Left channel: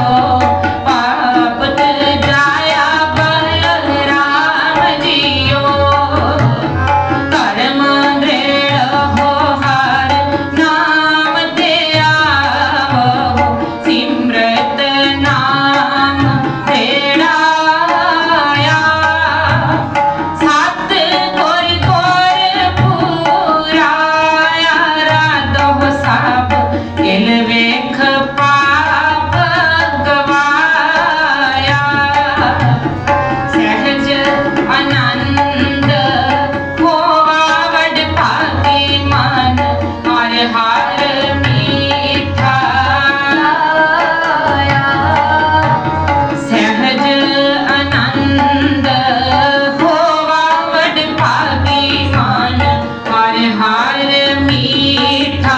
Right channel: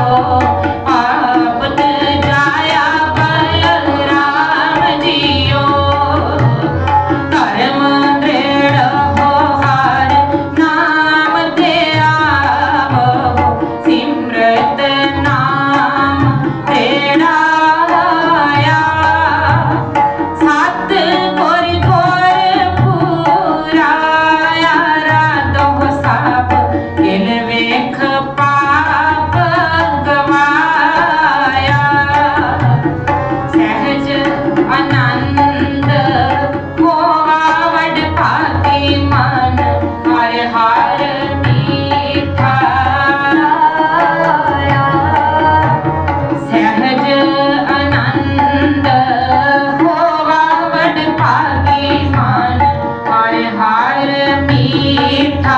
oh, मीठा